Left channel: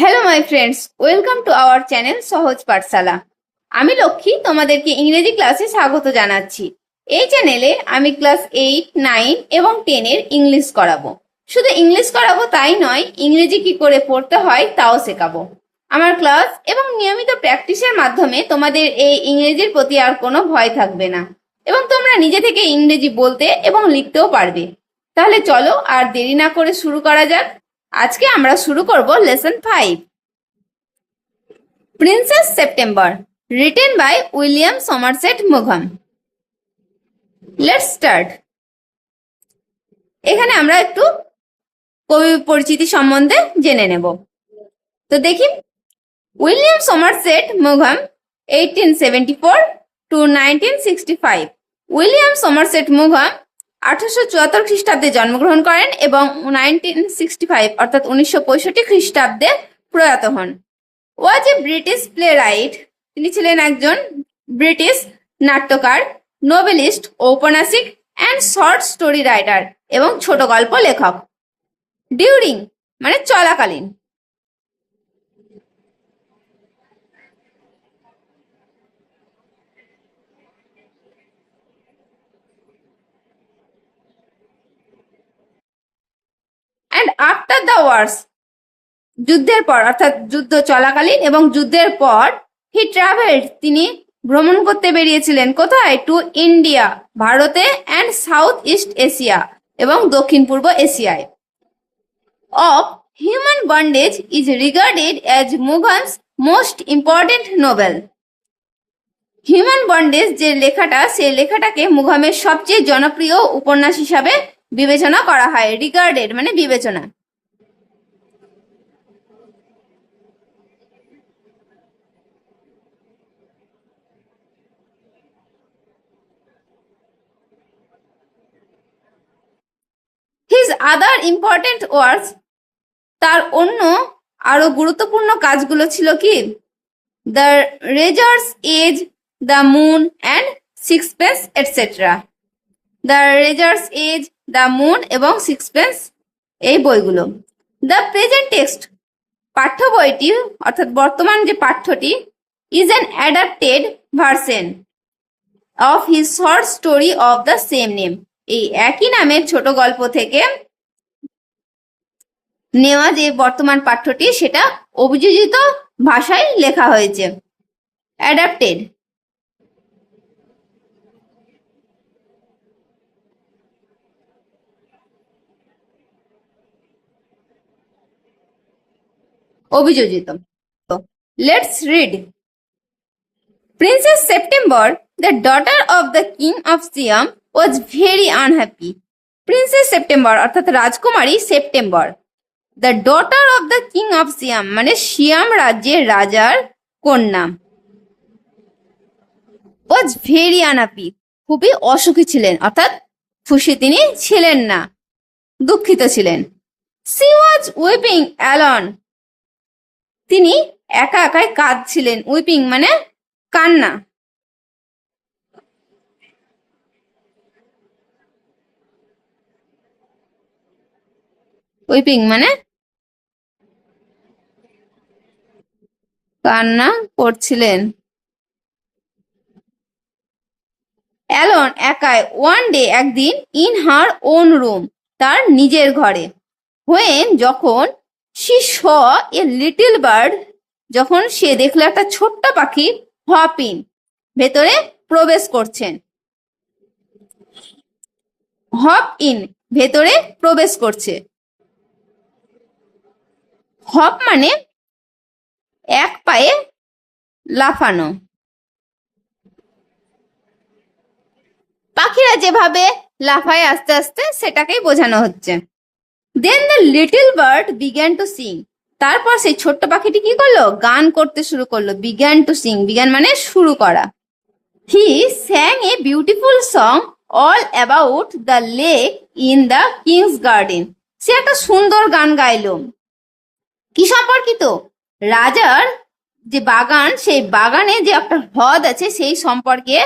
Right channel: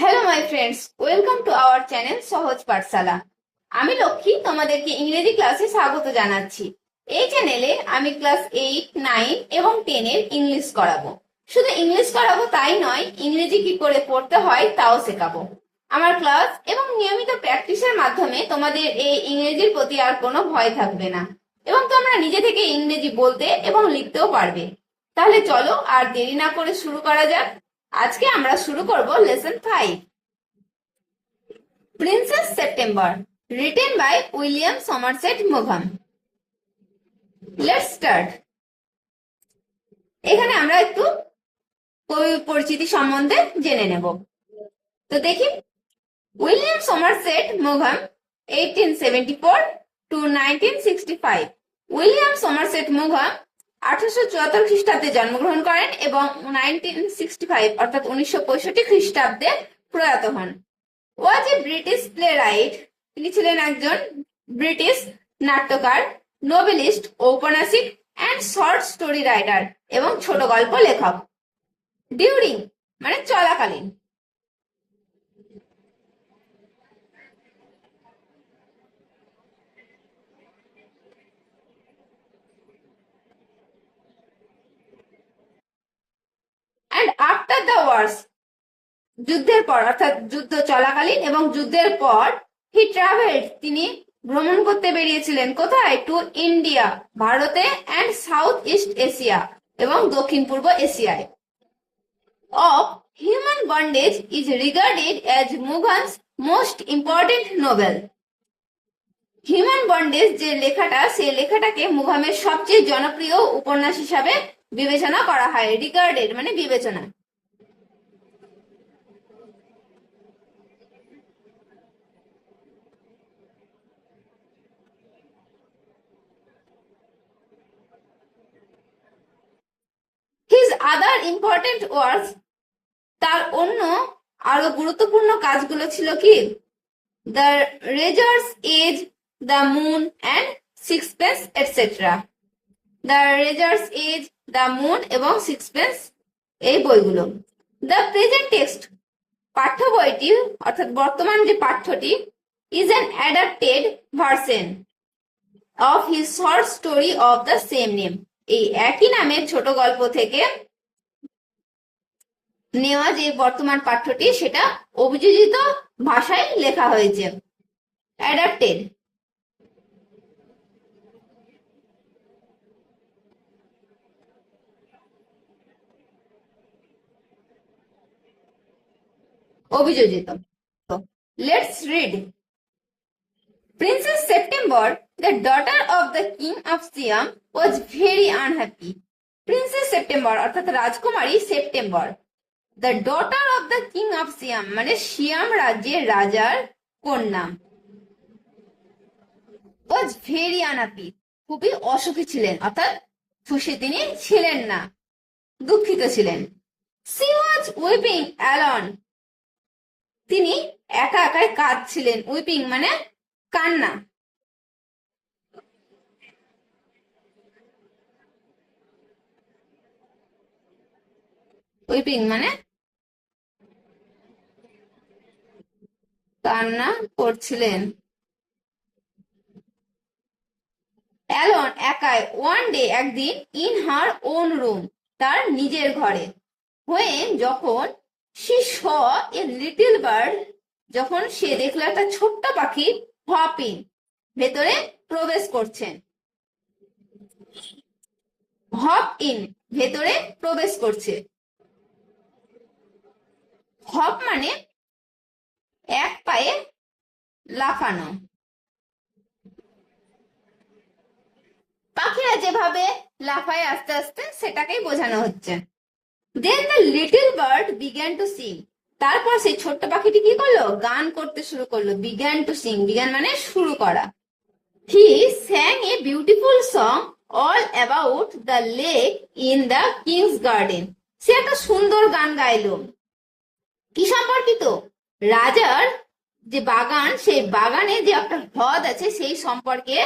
Hello my friends welcome to our channel Sahaj Pathshala আমি লক্ষ্মী, তোমাদেরকে ইংরেজি ক্লাসে স্বাগত জানাচ্ছি। এই চ্যানেলে আমি ক্লাস এইট নাইন এবং টেনের ইংলিশ করাবো। শুধু ইংলিশ করাবো তাই নয়, ইংরেজি কি করে পড়তে হয় তাও শেখাবো। আমার ক্লাস এবং নিয়মিত প্র্যাকটিসের মাধ্যমে তোমাদের এই ইংরেজির প্রতি আর কোনো ভয় থাকবে না। এবং তোমরা নিজে থেকে ইংরেজি বলতে এবং লিখতেও পারবে। তাহলে চলো আর দেরি না করে শুরু করা যাক। আজকে আমরা শুরু করব lesson five. Princess September written by William Somerset মুঘম। Let's start এখানে আমরা একটু কবি পরিচিতি সম্বন্ধে জেনে নেব। তো দেখি, William Somerset মুঘম eighteen seventy four two nineteen sixty five William Somerset মুঘম আঠারোশো চুয়াত্তর খ্রিস্টাব্দে জন্মগ্রহণ করেন এবং নাইনটিন সিক্সটি ফাইভ, অর্থাৎ উনিশশো পঁয়ষট্টি খ্রিস্টাব্দে প্রয়াত হন। Was a British playwright তিনি ছিলেন একজন ব্রিটিশ নাট্যকার, নোবেলিস্ট, ঔপন্যাসিক অ্যান্ড শর্ট স্টোরি রাইটার এবং ছোট গল্প লেখক। ডিউরিং মানে চলাকালীন অ্যান্ড আফটার দ্য ওয়ার্স যুদ্ধের পর, অর্থাৎ যুদ্ধ চলাকালীন এবং যুদ্ধের পর হি ট্রাভেলড তিনি ভ্রমণ করতে বেরিয়েছিলেন কোথায়? টু ইন্ডিয়া ভারতে অ্যান্ড সাউথ ইস্ট এশিয়া এবং দক্ষিণ পূর্ব এশিয়ায় of human bondage is regarded as Maugham's most important novel human bondage যে লেখাটা সেই লেখাটাকে মুঘামের সবচেয়ে জনপ্রিয় উপন্যাস হিসাবে বিবেচনা করা হয়। রিগার্ডেড মানে বিবেচনা হিজ আদার ইম্পর্টেন্ট ওয়ার্কস তার অন্য আরও গুরুত্বপূর্ণ কাজগুলো ছিল কি? The razor's edge the moon and six sixpence etcetera the razor's edge the moon এবং সিক্স সিক্সপেন্স এই বইগুলো। দ্য প্রেজেন্ট টেক্সট পাঠ্য বইটি, অর্থাৎ বর্তমান যে পাঠ্যটি is an adapted version of his short story of the same name এই একই নামের ছোট গল্প থেকে নেওয়া যে বর্তমান পাঠ্যটি, সেটা অভিযোজিত ভাষায় লেখা হয়েছে। অ্যাডাপ্টেড অভিযোজিত। Let's read Princess September the daughter of the king of Siam was very unhappy Princess September অর্থাৎ রাজকুমারী September the daughter of the king of Siam মানে সিয়াম রাজ্যের রাজার কন্যা ওয়াজ ভেরি আনহ্যাপি খুবই অসুখী ছিলেন, অর্থাৎ খুশি তিনি ছিলেন না, দুঃখিত ছিলেন। সি ওয়াজ উইপিং অ্যালন তিনি একা একাই কাঁদছিলেন উইপিং মানে কান্না। উইপিং মানে কান্না করছিলেন। অ্যালন একাই ওয়ান ডে একদিন ইন হার ওন রুম, তার নিজের ঘরে। হোয়েন যখন she saw a little bird, যখন সে দেখল একটা ছোট্ট পাখি হপিং, ভেতরে প্রবেশ করছেন। হপ ইন, ভেতরে প্রবেশ করছে। হপ মানে এক পায়ে লাফানো। পাখিরা যেভাবে লাফায় আস্তে আস্তে, সেটাকেই বোঝানো হচ্ছে। Then the little bird began to sing তারপর সেই ছোট্ট পাখিটি কি করল? গান করতে শুরু করল। বিগ্যান টু সিং বিজ্ঞান মানে শুরু করা। He sang a beautiful song all about the lake in the king's garden সে একটা সুন্দর গান গাইলো। কি সম্পর্কিত? রাজার যে বাগান, সেই বাগানে যে একটা হ্রদ আছে, সেই সম্পর্কে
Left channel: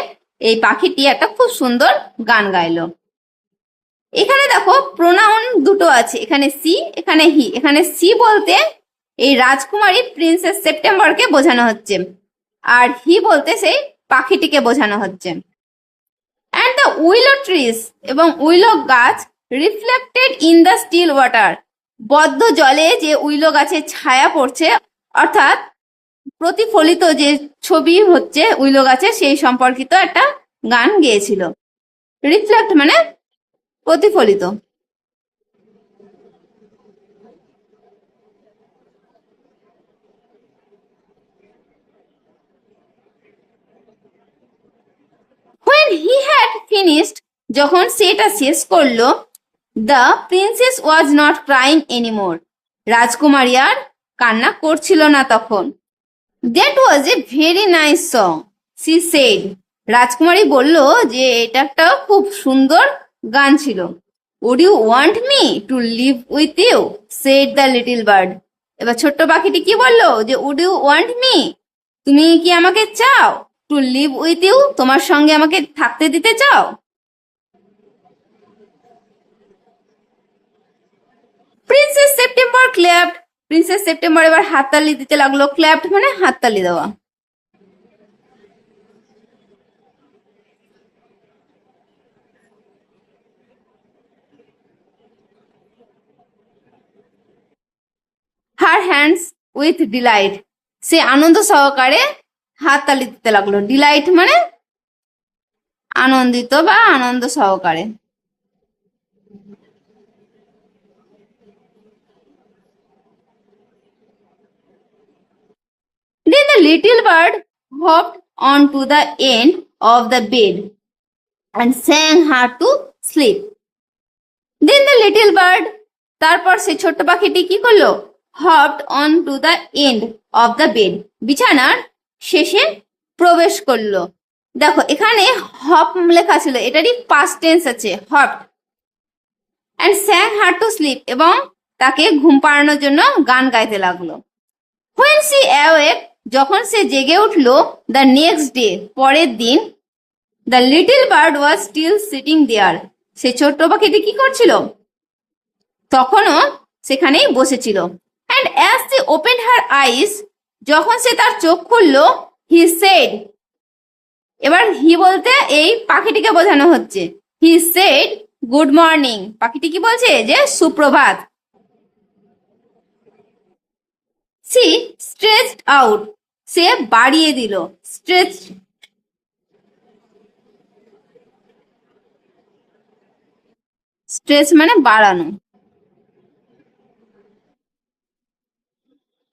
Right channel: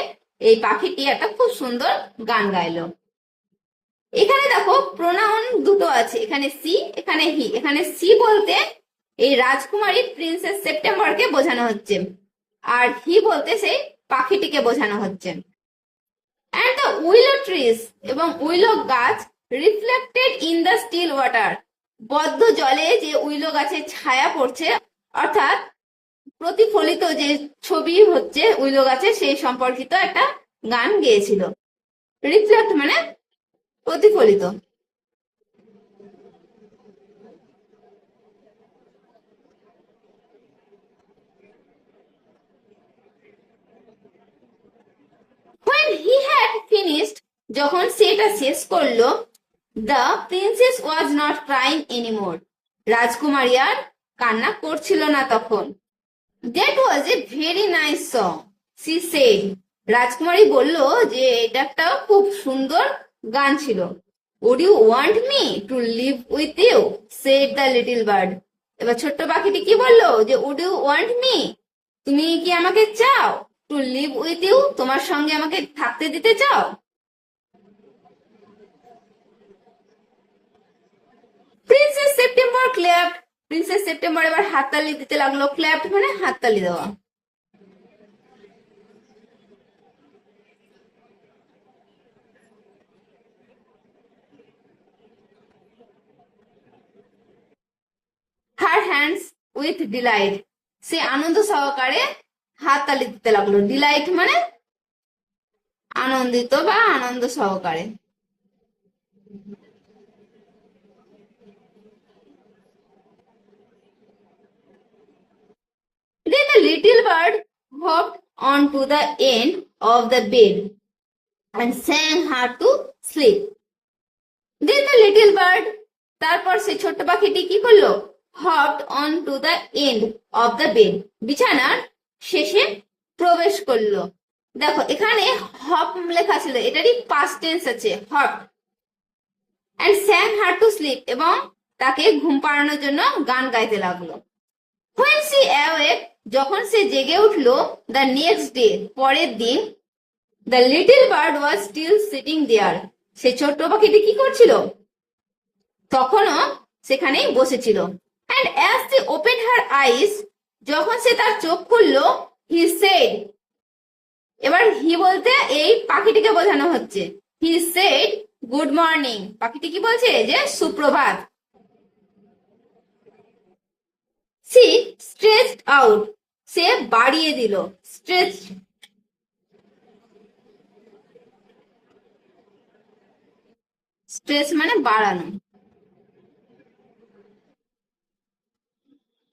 এই পাখিটি একটা খুব সুন্দর গান গাইলো। এখানে দেখো, প্রোনাউন দুটো আছে, এখানে সি, এখানে হি। এখানে সি বলতে এই রাজকুমারী প্রিন্সেস সেপ্টেম্বরকে বোঝানো হচ্ছে আর হি বলতে সেই পাখিটিকে বোঝানো হচ্ছে। অ্যান্ড দ্য উইলো ট্রিস এবং উইলো গাছ reflected in the still water বদ্ধ জলে যে উইলো গাছের ছায়া পড়ছে অর্থাৎ প্রতিফলিত যে ছবি হচ্ছে উইলো গাছে, সেই সম্পর্কিত একটা গান গেয়েছিল। রিফ্লেক্ট মানে প্রতিফলিত। When he had finished, যখন সেটা শেষ করল the princess was not crying anymore রাজকুমারী আর কান্না করছিল না তখন। That was a very nice song she said রাজকুমারী বলল যে, এটা একটা খুব সুন্দর গান ছিল। Would you want me to live with you said the little bird এবার ছোট্ট পাখিটি কি বলল? যে উড ইউ ওয়ান্ট মি তুমি কি আমাকে চাও টু লিভ উইথ ইউ তোমার সঙ্গে আমাকে থাকতে দিতে চাও? Princess September clapped Princess September এবার হাততালি দিতে লাগল ক্ল্যাপ্ট মানে হাততালি দেওয়া। হার হ্যান্ডস উইথ ডিলাইট সে আনন্দ সহকারে হাততালি দিতে লাগল। ডিলাইট মানে আনন্দিত বা আনন্দ সহকারে Then the little bird hopped onto the end of the bed and sang her to sleep. Then the little bird, তারপর সে ছোট্ট পাখিটি কি করল? Hopped on to the end of the bed বিছানার শেষে প্রবেশ করল। দেখো, এখানে হপ লেখা ছিল, এটারই পাস্ট টেন্স আছে hop and sang her to sleep এবং তাকে ঘুম পাড়ানোর জন্য গান গাইতে লাগল। হোয়েন সি অ্যাওয়েক যখন সে জেগে উঠল দ্য নেক্সট ডে পরের দিন the little bird was still sitting there সে ছোট্ট পাখিটি কি করছিল? তখনও সেখানেই বসেছিল। অ্যান্ড অ্যাজ সে ওপেন হার আইস যখন সে তার চোখ খুললো হি সেড এবার হি বলতে এই পাখিটিকে বোঝানো হচ্ছে। হি সেড গুড মর্নিং পাখিটি কি বলছে? যে, সুপ্রভাত। সি স্ট্রেচড আউট সে বাড়িয়ে দিল স্ট্রেচ স্ট্রেচ মানে বাড়ানো।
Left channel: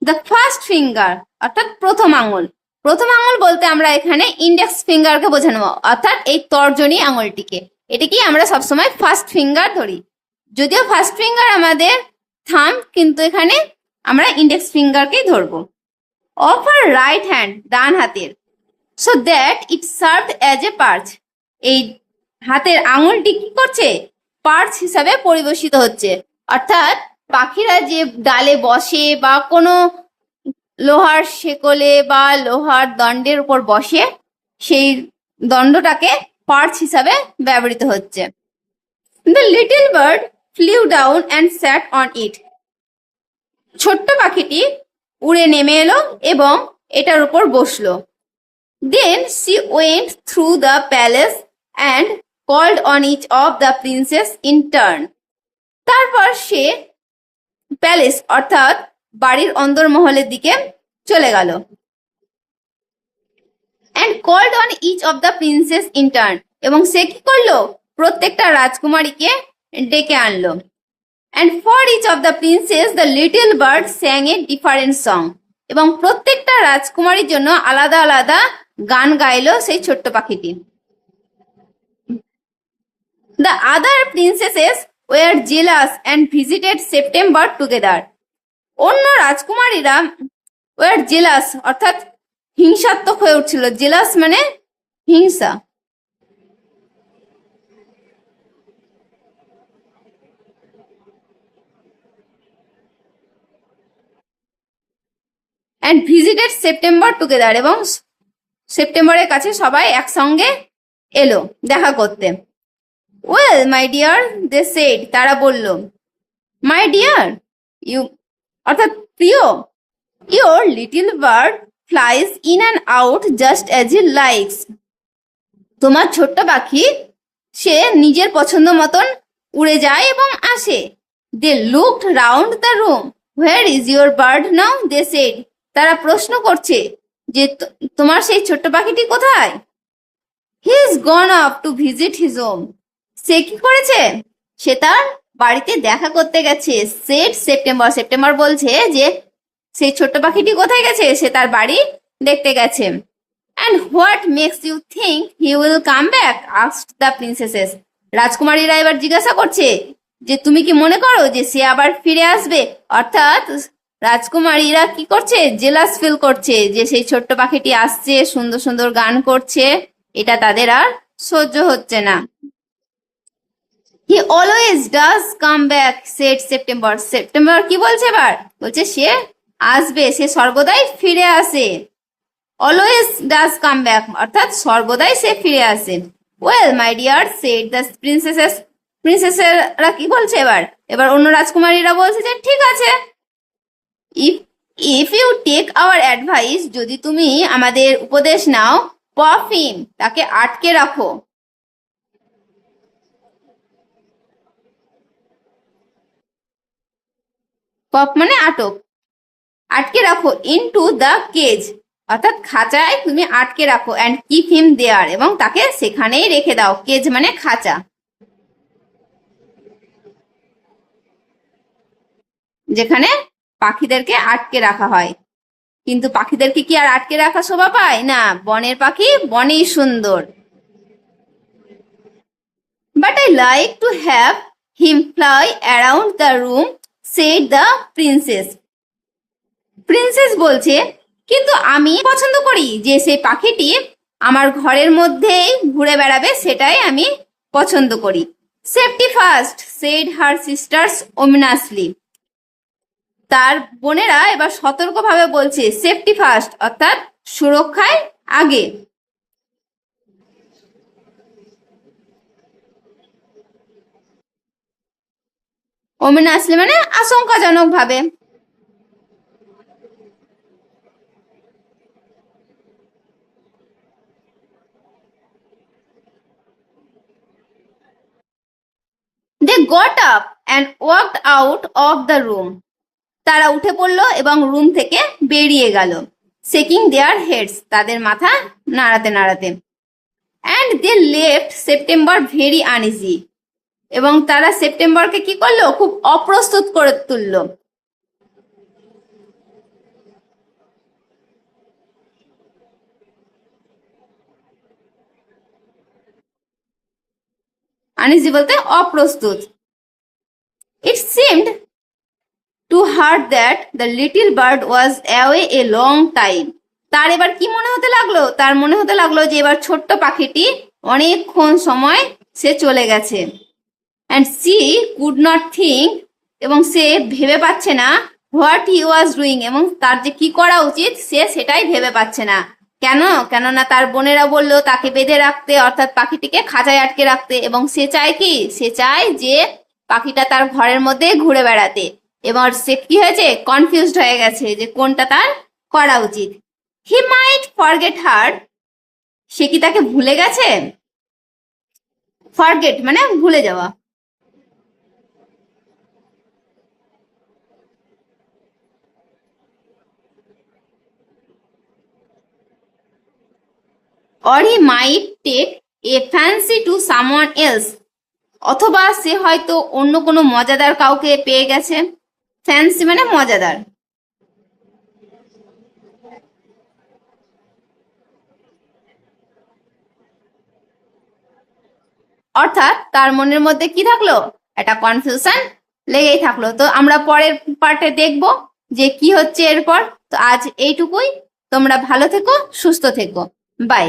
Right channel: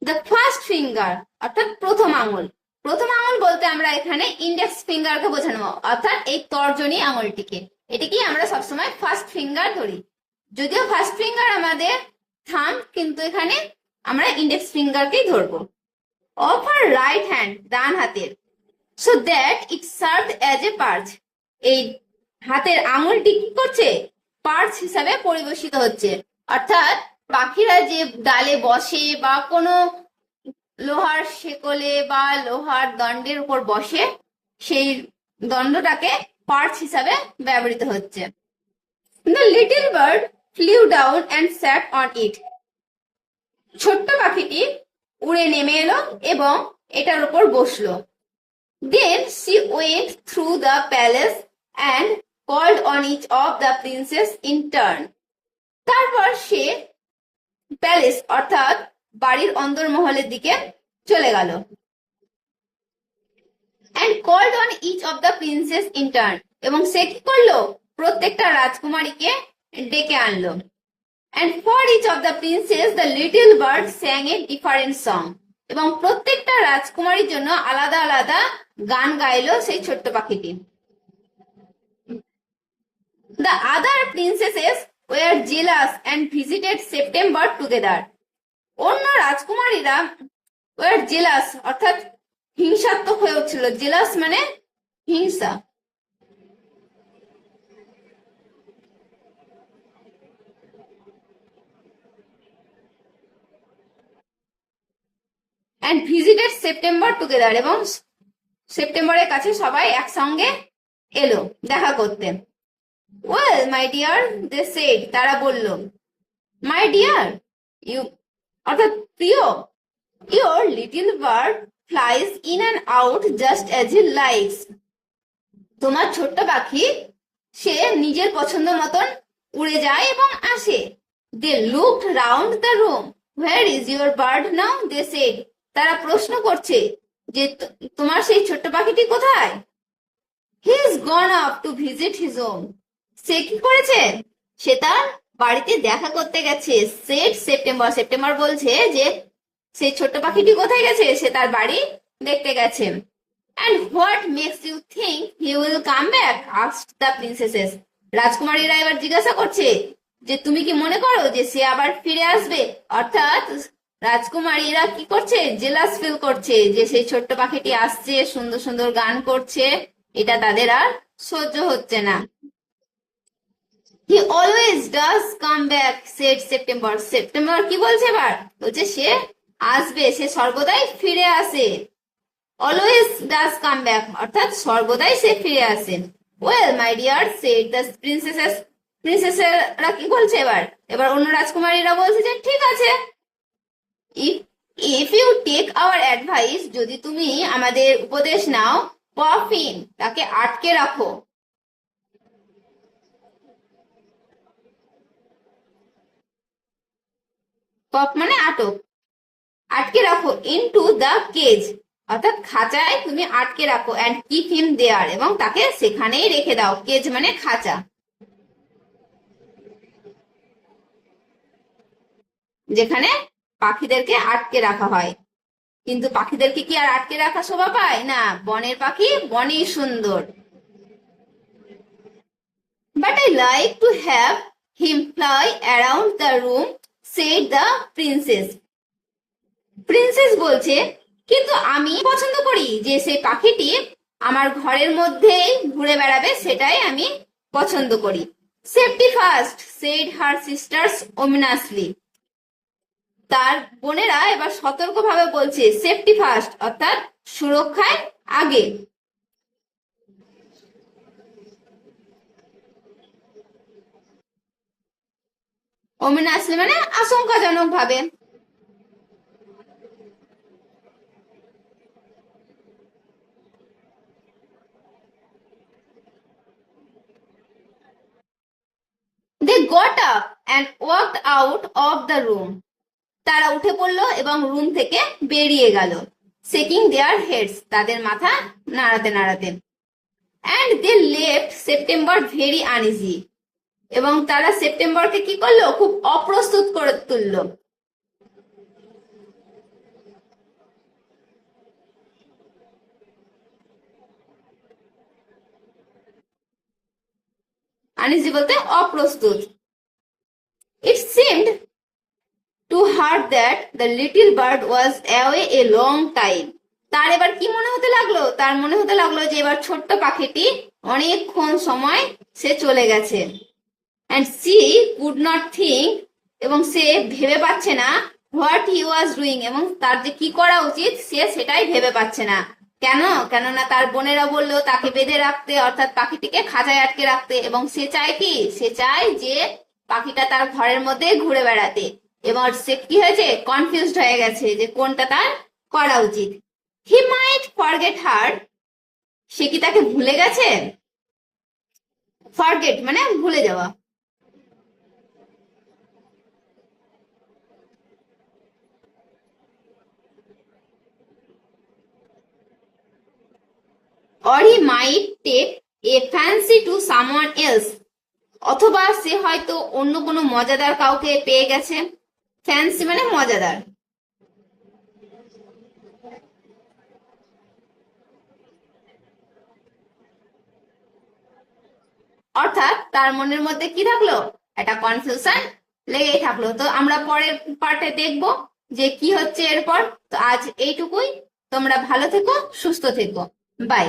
দ্য ফার্স্ট ফিঙ্গার অর্থাৎ প্রথম আঙুল। প্রথম আঙুল বলতে আমরা এখানে ইন্ডেক্স ফিঙ্গারকে বোঝানো, অর্থাৎ এই তর্জনী আঙুলটিকে। এটাকেই আমরা সবসময় ফার্স্ট ফিঙ্গার ধরি? যদিও ফার্স্ট ফিঙ্গার আমাদের থাম, কিন্তু এখানে আমরা ইন্ডেক্স ফিঙ্গারকেই ধরবো? অফ আর রাইট হ্যান্ড ডান হাতের। So that it serve as a perch এই হাতের আঙুলটি কি করছে? পার্চ হিসাবে পরিবেশিত হচ্ছে। অর্থাৎ পাখিরা যে ডালে বসে বা কোনো লোহার শেকলে বা লোহার দণ্ডের উপর বসে, সেই দণ্ডটাকে পার্চ হিসাবে ব্যবহৃত হচ্ছে। The little bird flew down and sat on it ছোট্ট পাখিটি উড়ে নেমে এলো এবং এটার উপর বসল। Then she went through the palace and called on each of the princess in turn তারপর সে প্যালেস অর্থাৎ বাড়ির অন্দরমহলের দিকে চলে গেল। And called on each of the princess in turn এবং সে কি করল? প্রত্যেকটা রাজকুমারীকে ডেকে আনলো। And for each of the princess the little bird sang a different song এবং প্রত্যেকটা রাজকুমারীর জন্য আলাদা আলাদা গান গাইলো সেই ছোট্ট পাখিটি। The other princesses were jealous and visited September together অন্য রাজকুমারীরা ওয়ার জেলাস অর্থাৎ হিংসাত্মক হয়ে উঠছিল। জেলাস মানে হিংসা। অ্যান্ড ভিজিটেড সেপ্টেম্বর টুগেদার এবং সেপ্টেম্বরের কাছে সবাই একসঙ্গে এলো, দেখা করতে। Well my dear they said তারা বলল মাই ডিয়ার ইউ অর্থাৎ প্রিয়, Your little bird flies in and out just as he likes. তোমার ছোট্ট পাখি, সে নিজের পছন্দ মতন উড়ে যায় এবং আসে। They looked round the room where is your bird now they said তারা প্রশ্ন করছে যে তোমার সেই ছোট্ট পাখিটি কোথায়? He is gone off to visit his home সে কি করেছে? সে তার বাড়িতে দেখা করতে গেছে। সেট সেপ্টেম্বর সেপ্টেম্বর বলছে যে সেই ছোট্ট পাখিটি কোথায় গেছে? সে তার বাড়ি দেখতে গেছে। And what makes you think he will come back ask the princesses রাজকুমারীরা এবার জিজ্ঞাসা করছে যে, তুমি কি মনে করো যে সে আবার ফিরে আসবে? অর্থাৎ রাজকুমারীরা কি করছে? জেলাস ফিল করছে যে সেই ছোট্ট পাখিটি আসছে, সুন্দর সুন্দর গান করছে। এটা তাদের আর সহ্য হচ্ছে না। He always does come back said September September কি বলছে এবার? বলছে সে আসবে, সে সর্বদাই ফিরে আসে। অলওয়েজ ডাজ কাম ব্যাক অর্থাৎ সর্বদাই সে ফিরে আসে। Well my dear said the princesses প্রিন্সেসেরা কি বলছে এবার? এবার অন্য রাজকুমারীরা বলছে যে, ঠিক আছে if if you take our advice যদি তুমি আমাদের উপদেশ নাও পফ হিম তাকে আটকে রাখো। পপ মানে আটক। আটকে রাখো ইনটু দ্য কেজ অর্থাৎ খাঁচায় তুমি আটকে রাখো অ্যান্ড কিপ হিম দেয়ার এবং তাকে সেখানেই রেখে দাও। কেজ মানে খাঁচা। যেখানে পাখিদেরকে আটকে রাখা হয়। কিন্তু পাখিদেরকে কি আর আটকে রাখা শোভা পায়? না, বনের পাখি বনেই সুন্দর। But I like to have him fly around the room said the princess princess বলছে, কিন্তু আমি পছন্দ করি যে সেই পাখিটি আমার ঘরের মধ্যেই ঘুরে বেড়াবে, সেটাই আমি পছন্দ করি। Safety first said her sisters ominously তার বোনেরা এবার সতর্কভাবে বলছে সেফটি ফার্স্ট অর্থাৎ সুরক্ষায় আগে। ওমিনাসলি মানে আশঙ্কাজনক ভাবে they got up and walked out of the room তারা উঠে পড়ল এবং রুম থেকে বেরিয়ে গেল। সেকিং দেয়ার হেডস, তাদের মাথা নাড়াতে নাড়াতে। And they left September very uneasy এবং তারা সেপ্টেম্বরকে কি করল? খুব অপ্রস্তুত করে তুললো। আনইজি বলতে, অপ্রস্তুত। It seemed to her that the little bird was away a long time তার এবার কি মনে হতে লাগল? তার মনে হতে লাগল যে এবার ছোট্ট পাখিটি অনেকক্ষণ সময় সে চলে গেছে। And she could not think এবং সে ভেবে পাচ্ছে না হোয়াট হি ওয়াজ ডুইং এবং তার যে কি করা উচিত সে সেটাই ভেবে পাচ্ছে না। কেন? কেননা তার বোনেরা বলল, তাকে বেঁধে রাখতে, অর্থাৎ পাখিটিকে খাঁচায় আটকে রাখতে এবং সে চায় কি? সে চায় যে পাখিটা তার ঘরের মধ্যে ঘুরে বেড়াতে। এবার সে কি হয়েছে? কনফিউজড হয়ে গেছে যে কোনটা তার করা উচিত। হি মাইট ফরগেট হার সে কি তাকে ভুলে গেছে? ফরগেট মানে ভুলে যাওয়া। Or he might take a fancy to someone else অথবা সে হয়তো অন্য কোনো মজাদার কাউকে পেয়ে গেছে। ফ্যান্সি মানে মজাদার। অর্থাৎ তার মনের মধ্যে কি থাকল? একটা কনফিউশন লেগেই থাকল। তো আমরা পরের পার্টে দেখব যে কি হচ্ছে এরপর। তো আজ এইটুকুই। তোমরা ভালো থেকো, সুস্থ থেকো। বাই